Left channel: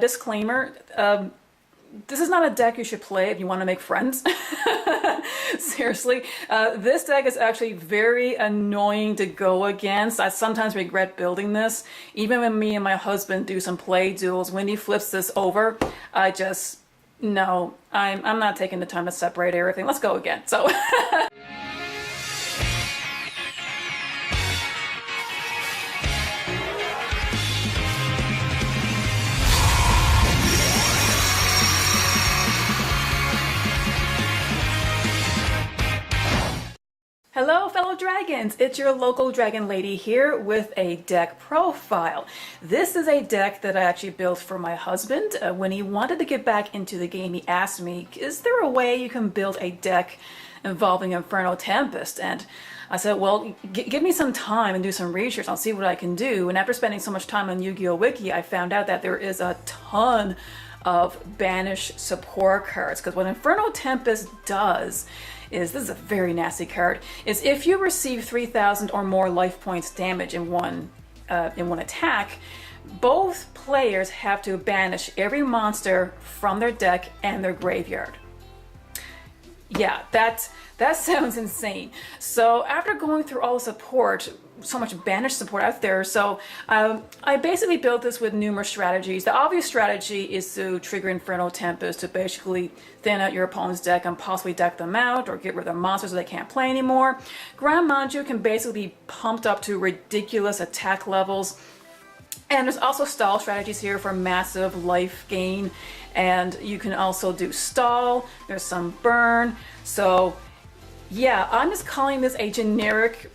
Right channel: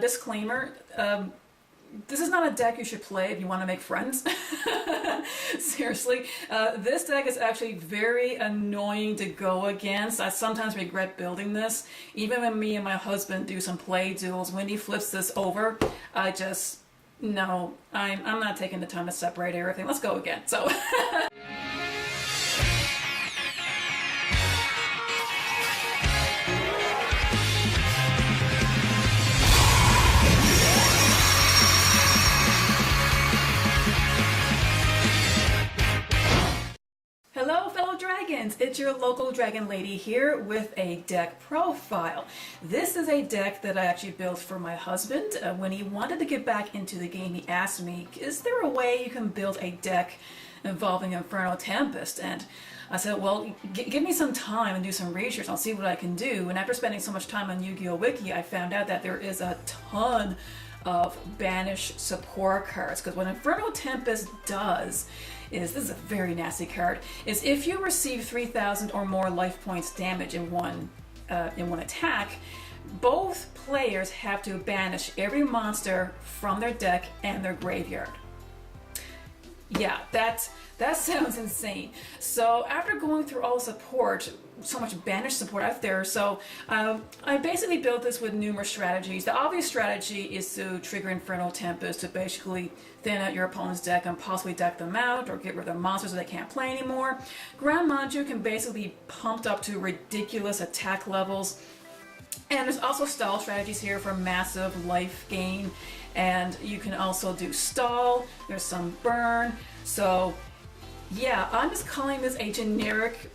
Disclaimer, this is not a deck you should play if you want to make friends. Seriously, this deck is actually very annoying to go against. I sometimes regret building this. Even when me and my husband do some play duels, when he flips this over, I just, no, I'm not taking the time to separate everything. Let's go again. So. Hello fellow dragons, it's your local dragon lady here with a deck profile. This is a deck that I actually built for my husband. When he wanted to get back into the game, he asked me, is there a way you can build a deck involving Inferno Tempest? And I said, well, give me some time and do some research. I'll see what I can do. And after spending so much time on Yu-Gi-Oh! Wiki, I found out that there is a ton of Banish support cards. Because what Inferno Tempest does is, this is a very nasty card, is if you receive 3,000 or more life points damage in one attack, both players have to banish every monster from their deck and their graveyard. Yeah, that sounds insane. So after going through all the support, so much Banish support out there, so I basically built this with numerous strategies. The obvious strategy is to trigger Inferno Tempest to basically thin out your opponent's deck and possibly deck them out or get rid of their monsters so they can't play anymore. Gren Manju can basically be pumped up to ridiculous attack levels. And there's also stall strategies here for massive life gain, and you can also do stall, there's some burn. So yeah, I'm just calling this a generic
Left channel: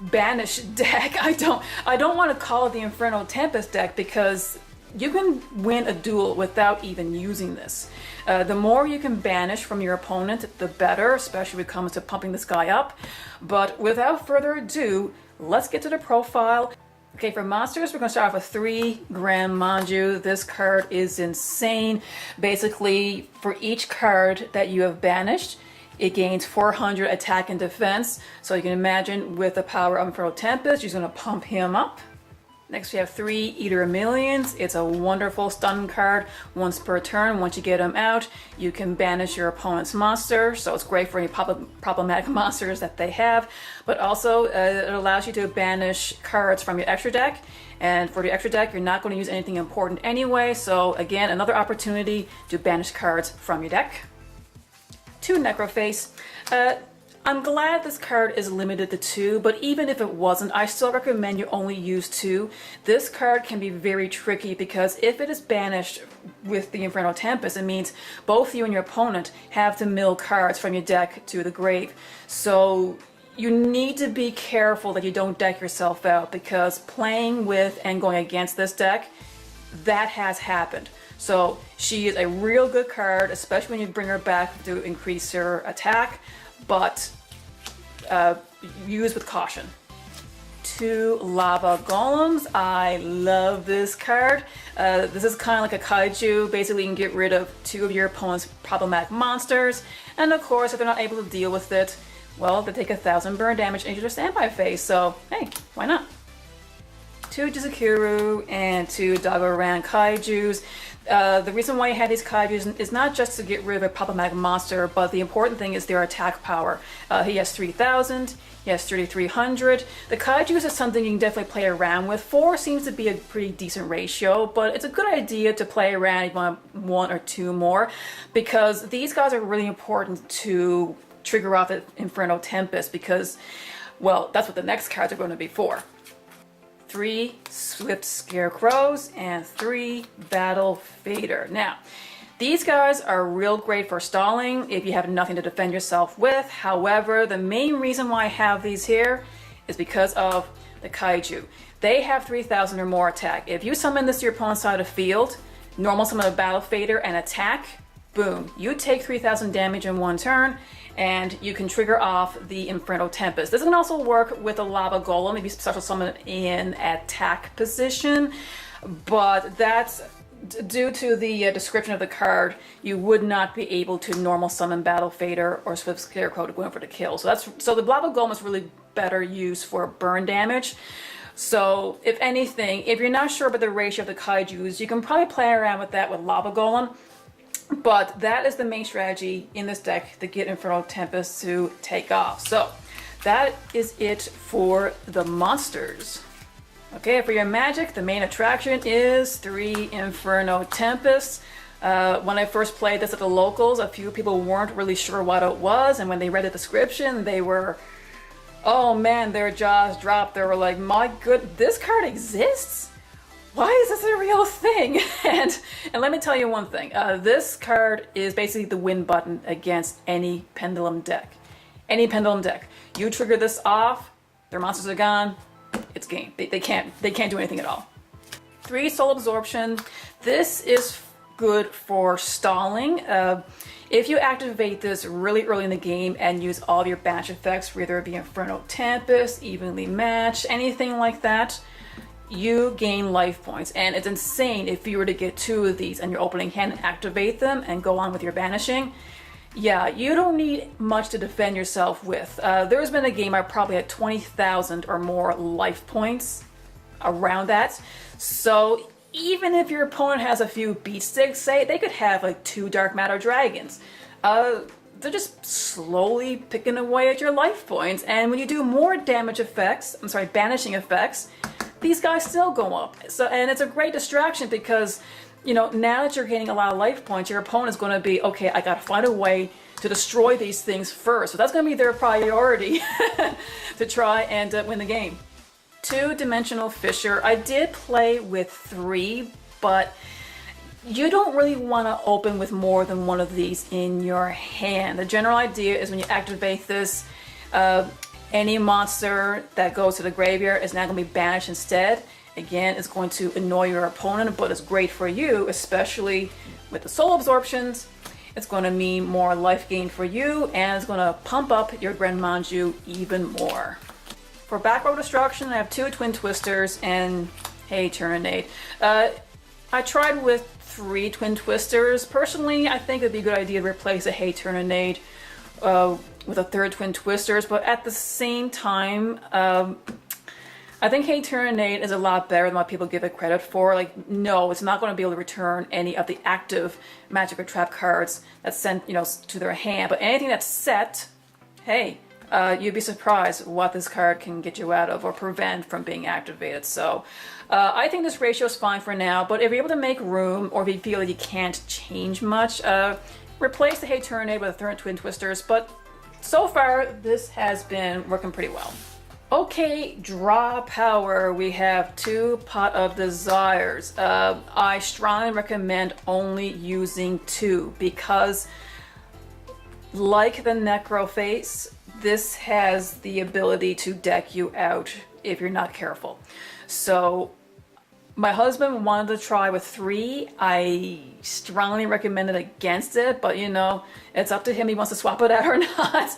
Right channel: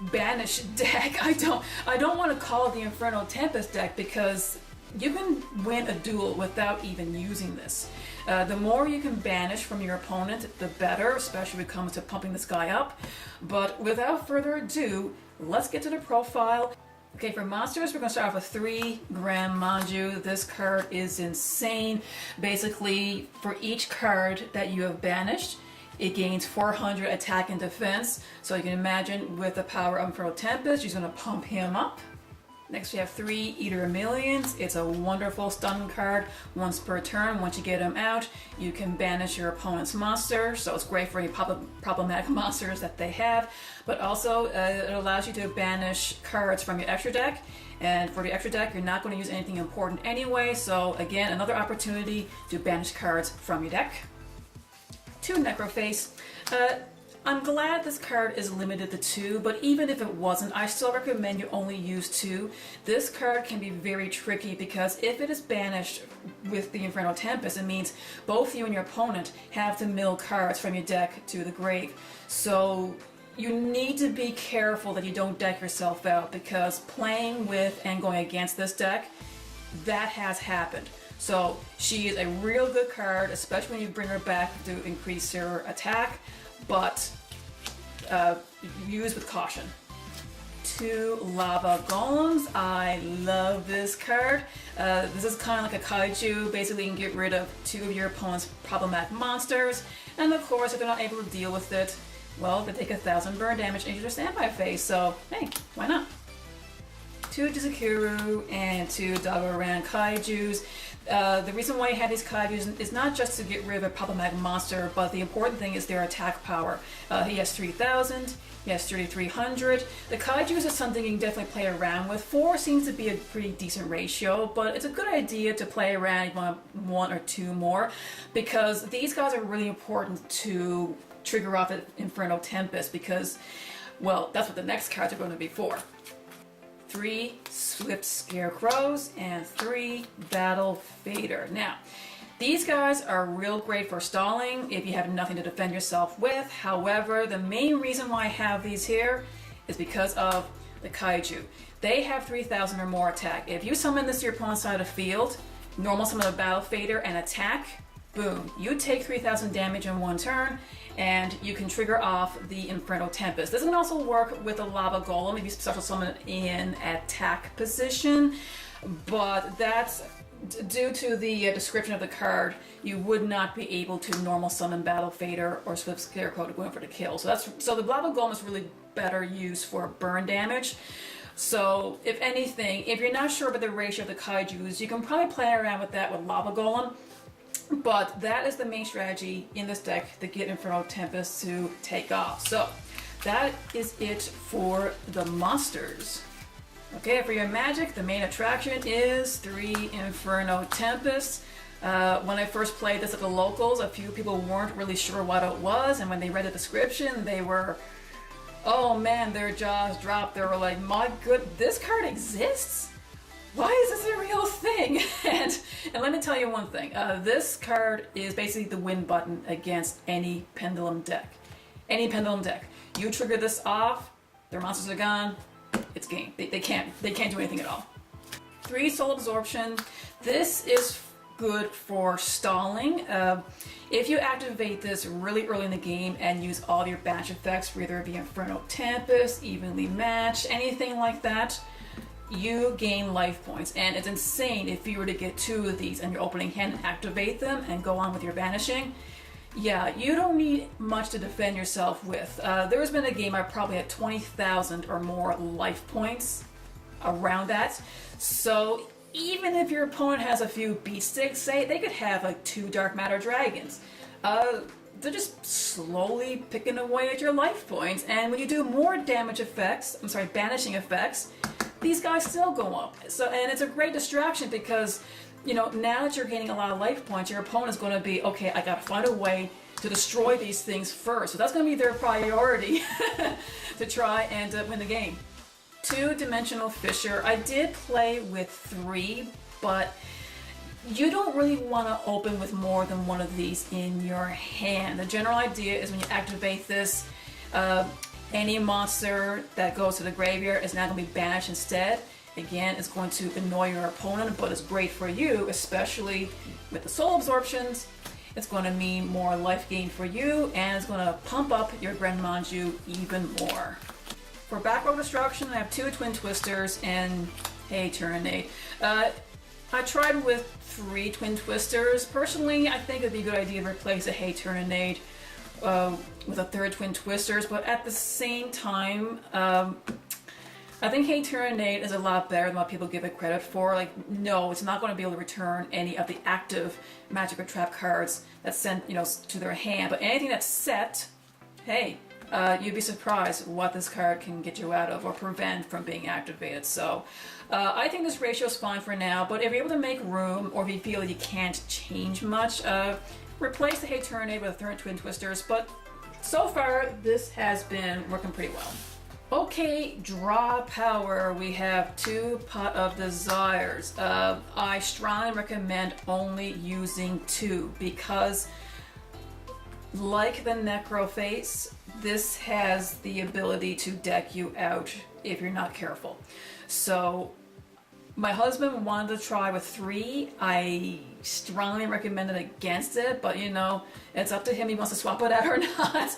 Banish deck. I don't want to call it the Inferno Tempest deck because you can win a duel without even using this. The more you can banish from your opponent, the better, especially when it comes to pumping this guy up. But without further ado, let's get to the profile. Okay, for monsters, we're going to start off with 3 Gren Manju. This card is insane. Basically, for each card that you have banished, it gains 400 attack and defense. So you can imagine with the power of Inferno Tempest, she's going to pump him up. Next we have 3 Eater of Millions. It's a wonderful stun card. Once per turn, once you get him out, you can banish your opponent's monster. So it's great for any problematic monsters that they have. But also, it allows you to banish cards from your extra deck. And for the extra deck, you're not going to use anything important anyway. So again, another opportunity to banish cards from your deck. 2 Necroface. I'm glad this card is limited to 2, but even if it wasn't, I still recommend you only use 2. This card can be very tricky because if it is banished with the Inferno Tempest, it means both you and your opponent have to mill cards from your deck to the grave. So you need to be careful that you don't deck yourself out, because playing with and going against this deck, that has happened. So she is a real good card, especially when you bring her back to increase her attack, but use with caution. 2 Lava Golems. I love this card. This is kind of like a kaiju. Basically, you can get rid of 2 of your opponent's problematic monsters, and of course, if they're not able to deal with it, well, they take 1,000 burn damage into their standby phase, so hey, why not? 2 Jizukuru and 2 Dagoran Kaijus. The reason why I had these Kaijus is not just to get rid of a problematic monster, but the important thing is their attack power. He has 3,000, he has 3,300. The Kaijus is something you can definitely play around with. 4 seems to be a pretty decent ratio, but it's a good idea to play around if you want 1 or 2 more, because these guys are really important to trigger off the Inferno Tempest, because, well, that's what the next cards are going to be for. 3 Swift Scarecrows and 3 Battle Fader. Now, these guys are real great for stalling if you have nothing to defend yourself with. However, the main reason why I have these here is because of the Kaiju. They have 3,000 or more attack. If you summon this to your opponent's side of the field, normal summon a Battle Fader and attack, boom, you take 3,000 damage in 1 turn, and you can trigger off the Inferno Tempest. This can also work with a Lava Golem if you special summon it in attack position, but that's due to the description of the card. You would not be able to normal summon Battle Fader or Swift Scarecrow to go in for the kill. So the Lava Golem is really better used for burn damage. So if anything, if you're not sure about the ratio of the kaijus, you can probably play around with that with Lava Golem. But that is the main strategy in this deck to get Inferno Tempest to take off. So that is it for the monsters. Okay, for your magic, the main attraction is 3 Inferno Tempests. When I first played this at the locals, a few people weren't really sure what it was, and when they read the description, they were, oh man, their jaws dropped. They were like, my good, this card exists? Why is this a real thing? And let me tell you one thing. This card is basically the win button against any Pendulum deck. Any Pendulum deck. You trigger this off, their monsters are gone, it's game. They can't do anything at all. 3 Soul Absorption. This is good for stalling. If you activate this really early in the game and use all of your Banish effects, whether it be Inferno Tempest, Evenly Matched, anything like that, you gain life points. And it's insane if you were to get 2 of these in your opening hand and activate them and go on with your banishing. Yeah, you don't need much to defend yourself with. There's been a game I probably had 20,000 or more life points around that. So even if your opponent has a few beat sticks, say, they could have like 2 Dark Matter Dragons. They're just slowly picking away at your life points. And when you do more damage effects, banishing effects, these guys still go up. So, and it's a great distraction because, you know, now that you're gaining a lot of life points, your opponent's going to be, okay, I got to find a way to destroy these things first. So that's going to be their priority to try and win the game. 2-dimensional fissure. I did play with 3, but you don't really want to open with more than 1 of these in your hand. The general idea is when you activate this, any monster that goes to the graveyard is now going to be banished instead. Again, it's going to annoy your opponent, but it's great for you, especially with the soul absorptions. It's going to mean more life gain for you, and it's going to pump up your Gren Manju even more. For back row destruction, I have 2 Twin Twisters and Hey Tyrannade. I tried with 3 Twin Twisters. Personally, I think it'd be a good idea to replace a Hey Tyrannade with a 3rd Twin Twisters, but at the same time, I think Hey Tyrannade is a lot better than what people give it credit for. Like, no, it's not going to be able to return any of the active magic or trap cards that's sent, you know, to their hand, but anything that's set, hey, you'd be surprised what this card can get you out of or prevent from being activated. So I think this ratio is fine for now, but if you're able to make room or if you feel you can't change much, replace the Hey Tyrannade with a 3rd Twin Twisters, but so far this has been working pretty well. Okay, draw power. We have 2 Pot of Desires. I strongly recommend only using 2 because, like the Necro face, this has the ability to deck you out if you're not careful. So my husband wanted to try with 3. I strongly recommended against it, but you know, it's up to him. He wants to swap it out or not.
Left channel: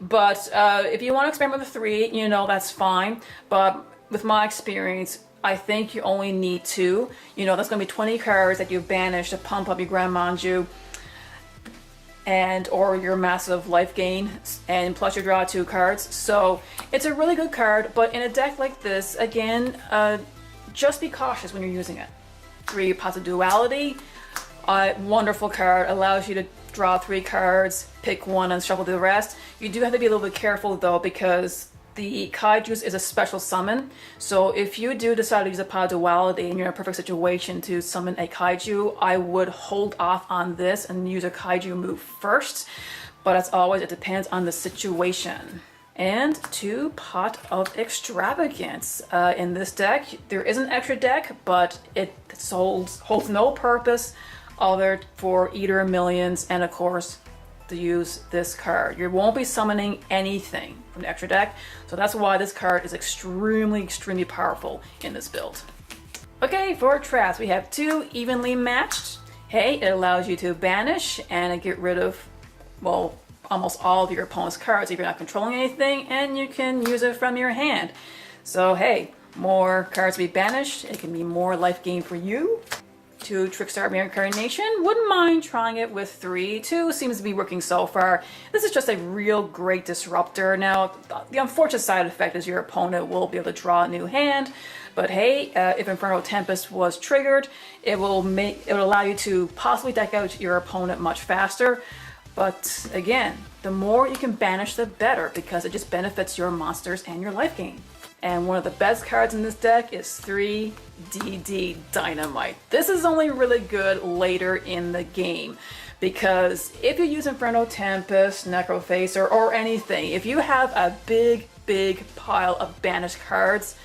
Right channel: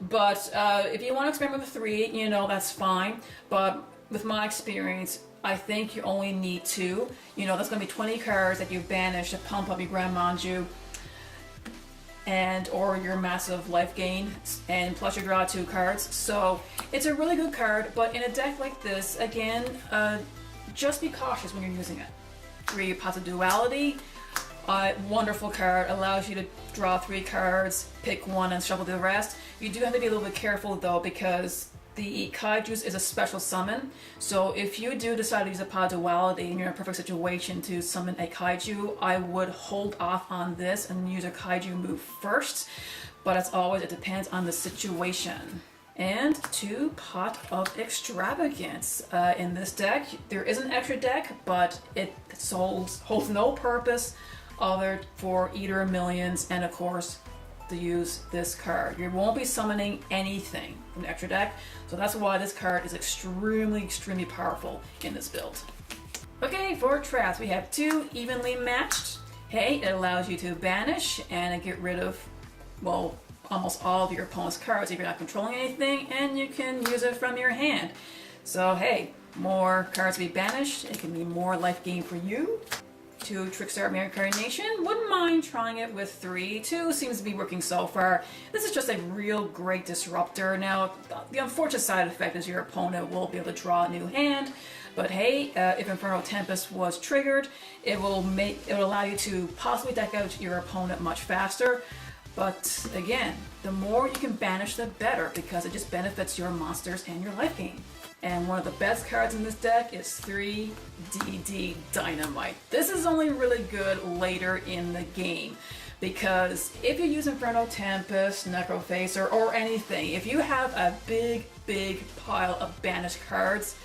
But if you want to experiment with 3, you know, that's fine. But with my experience, I think you only need 2. You know, that's going to be 20 cards that you banish to pump up your Gren Manju and or your massive life gain, and plus you draw 2 cards. So it's a really good card, but in a deck like this, again, just be cautious when you're using it. 3 Pots of Duality. Wonderful card, allows you to draw 3 cards, pick 1 and shuffle the rest. You do have to be a little bit careful though, because the Kaijus is a special summon. So if you do decide to use a Pot of Duality and you're in a perfect situation to summon a Kaiju, I would hold off on this and use a Kaiju move first. But as always, it depends on the situation. And 2 Pot of Extravagance. In this deck, there is an extra deck, but it holds no purpose other for Eater Millions and of course to use this card. You won't be summoning anything from the extra deck, so that's why this card is extremely powerful in this build. Okay, for traps, we have 2 Evenly Matched. Hey, it allows you to banish and get rid of, well, almost all of your opponent's cards if you're not controlling anything, and you can use it from your hand. So hey, more cards to be banished, it can be more life gain for you. 2 Trickstar Reincarnation. Wouldn't mind trying it with 3. 2 seems to be working so far. This is just a real great disruptor. Now, the unfortunate side effect is your opponent will be able to draw a new hand. But hey, if Inferno Tempest was triggered, it will allow you to possibly deck out your opponent much faster. But again, the more you can banish, the better, because it just benefits your monsters and your life gain. And one of the best cards in this deck is 3DD Dynamite. This is only really good later in the game, because if you use Inferno Tempest, Necrofacer, or anything, if you have a big pile of banished cards,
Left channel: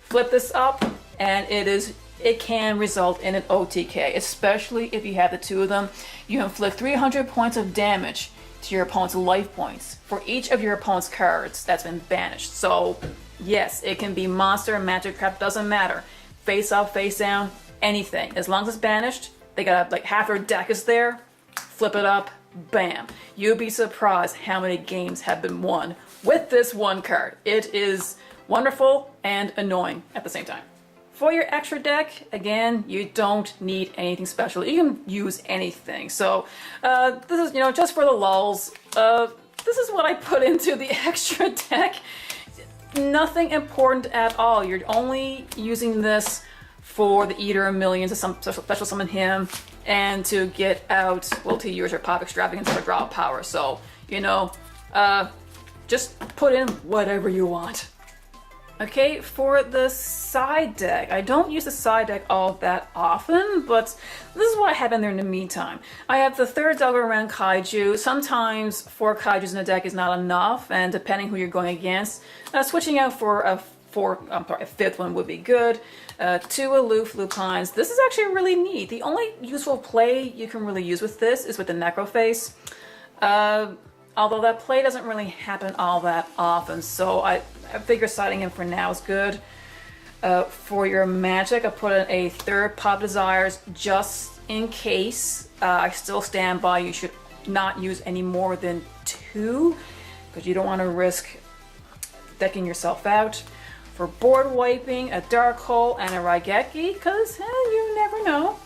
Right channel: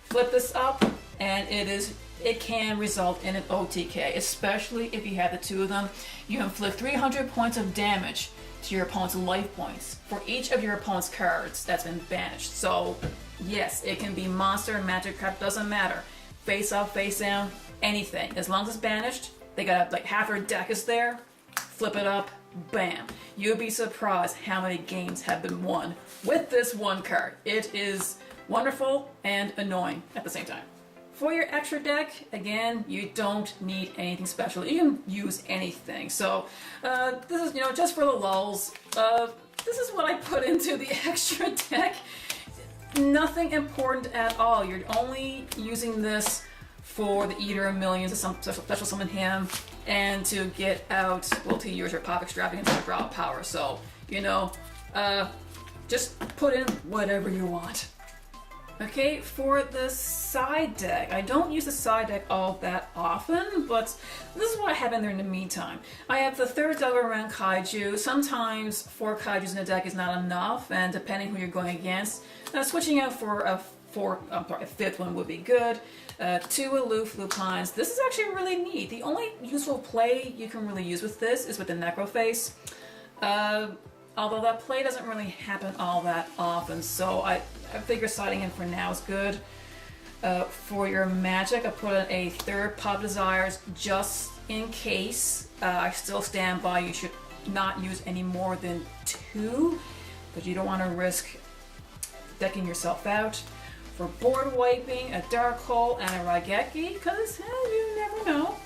flip this up and it can result in an OTK, especially if you have the 2 of them. You inflict 300 points of damage to your opponent's life points for each of your opponent's cards that's been banished. So yes, it can be monster, magic crap, doesn't matter. Face up, face down, anything. As long as it's banished, they got like half their deck is there, flip it up, bam. You'd be surprised how many games have been won with this one card. It is wonderful and annoying at the same time. For your extra deck, again, you don't need anything special. You can use anything. So this is, just for the lulz. This is what I put into the extra deck. Nothing important at all. You're only using this for the Eater of Millions to special summon him, and to get out, well, to use your pop extravagance or draw power. So, just put in whatever you want. Okay, for the side deck, I don't use the side deck all that often, but this is what I have in there in the meantime. I have the 3rd Delgaran Kaiju. Sometimes 4 Kaijus in the deck is not enough, and depending who you're going against, switching out for a 5th one would be good. 2 Aloof Lupines. This is actually really neat. The only useful play you can really use with this is with the Necroface. Although that play doesn't really happen all that often, so I figure siding him for now is good. For your magic, I put in a 3rd Pop Desires just in case. I still stand by you should not use any more than 2, because you don't want to risk decking yourself out. For board wiping, a Dark Hole and a Raigeki, because you never know.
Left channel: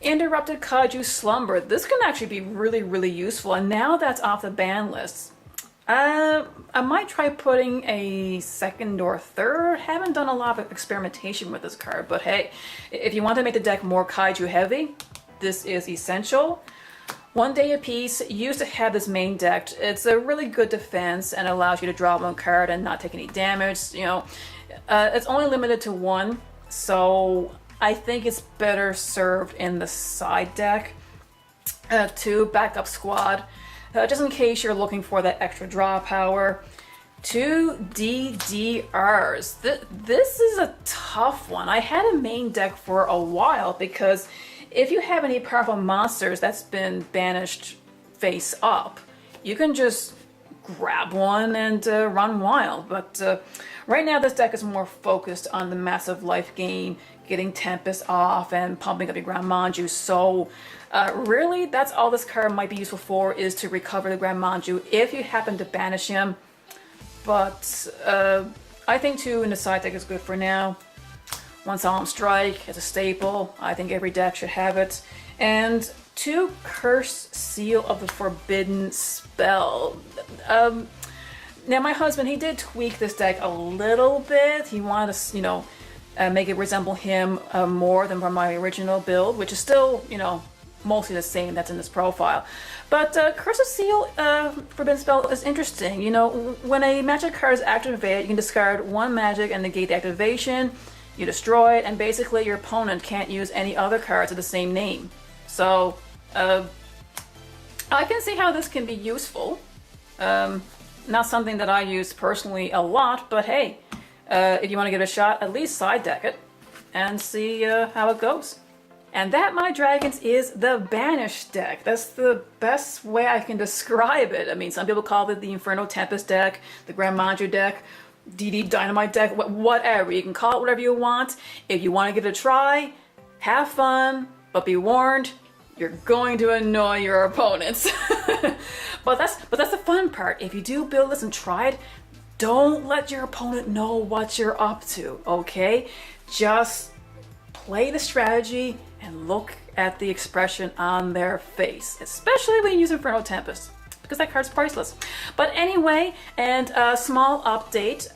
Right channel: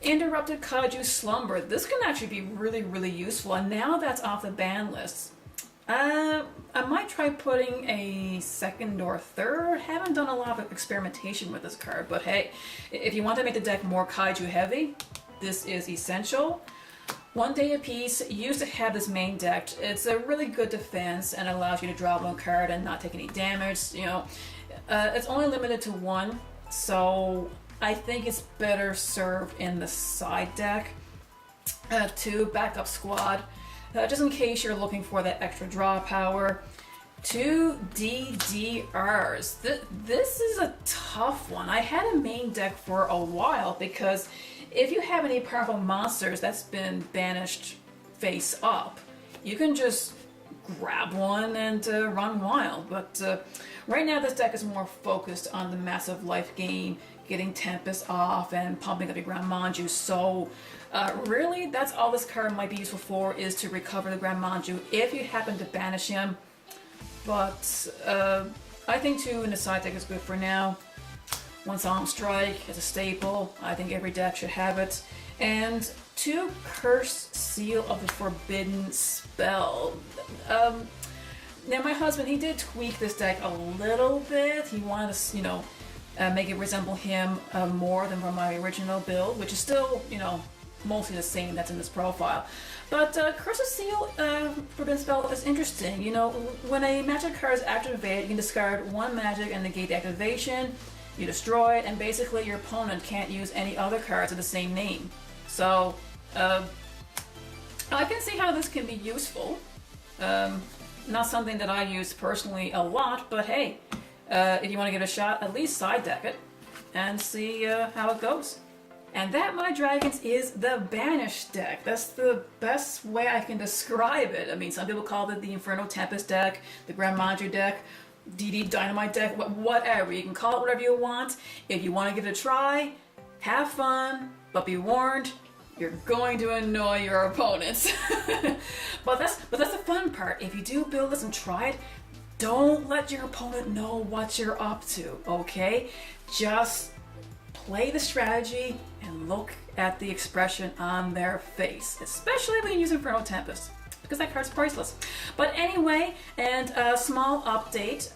Interrupted Kaiju Slumber. This can actually be really useful, and now that's off the ban list, I might try putting a 2nd or 3rd. Haven't done a lot of experimentation with this card, but hey, if you want to make the deck more Kaiju heavy, this is essential. 1 day a piece. Used to have this main deck. It's a really good defense and allows you to draw 1 card and not take any damage. It's only limited to 1, so I think it's better served in the side deck. 2 Backup Squad, just in case you're looking for that extra draw power. 2 DDRs. This is a tough one. I had a main deck for a while, because if you have any powerful monsters that's been banished face up, you can just grab one and run wild. But right now this deck is more focused on the massive life gain, getting Tempest off and pumping up your Gren Manju. So really that's all this card might be useful for, is to recover the Gren Manju if you happen to banish him. But I think 2 in the side deck is good for now. 1 Solemn Strike is a staple. I think every deck should have it. And 2 Curse Seal of the Forbidden Spell. Now my husband, he did tweak this deck a little bit. He wanted to, make it resemble him more than from my original build, which is still, mostly the same that's in this profile. But Curse of Seal Forbidden Spell is interesting. When a magic card is activated, you can discard 1 magic and negate the activation. You destroy it, and basically your opponent can't use any other cards of the same name. So I can see how this can be useful. Not something that I use personally a lot, but hey, if you want to give it a shot, at least side deck it and see how it goes. And that, my dragons, is the Banish deck. That's the best way I can describe it. I mean, some people call it the Inferno Tempest deck, the Gren Manju deck, DD Dynamite deck, whatever. You can call it whatever you want. If you want to give it a try, have fun, but be warned, you're going to annoy your opponents. but that's the fun part. If you do build this and try it, don't let your opponent know what you're up to, okay? Just play the strategy and look at the expression on their face, especially when you use Inferno Tempest, because that card's priceless. But anyway, and a small update,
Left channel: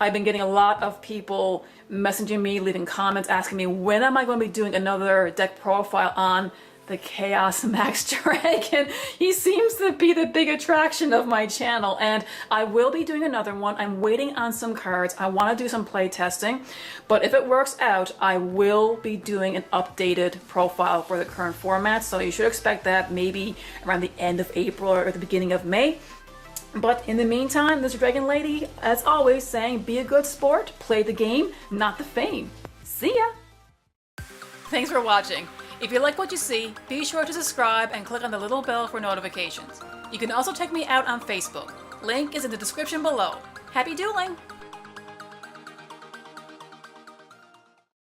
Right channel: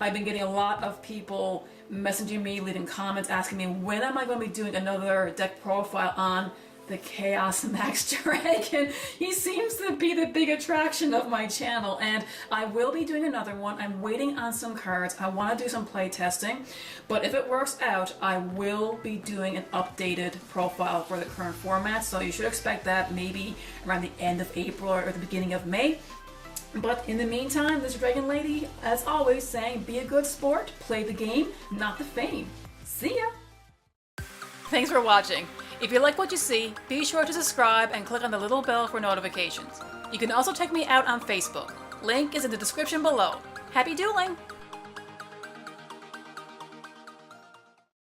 I've been getting a lot of people messaging me, leaving comments, asking me when am I going to be doing another deck profile on the Chaos Max Dragon. He seems to be the big attraction of my channel, and I will be doing another one. I'm waiting on some cards. I want to do some play testing, but if it works out, I will be doing an updated profile for the current format, so you should expect that maybe around the end of April or the beginning of May. But in the meantime, this Dragon Lady, as always, saying be a good sport, play the game, not the fame. See ya! Thanks for watching. If you like what you see, be sure to subscribe and click on the little bell for notifications. You can also check me out on Facebook. Link is in the description below. Happy dueling!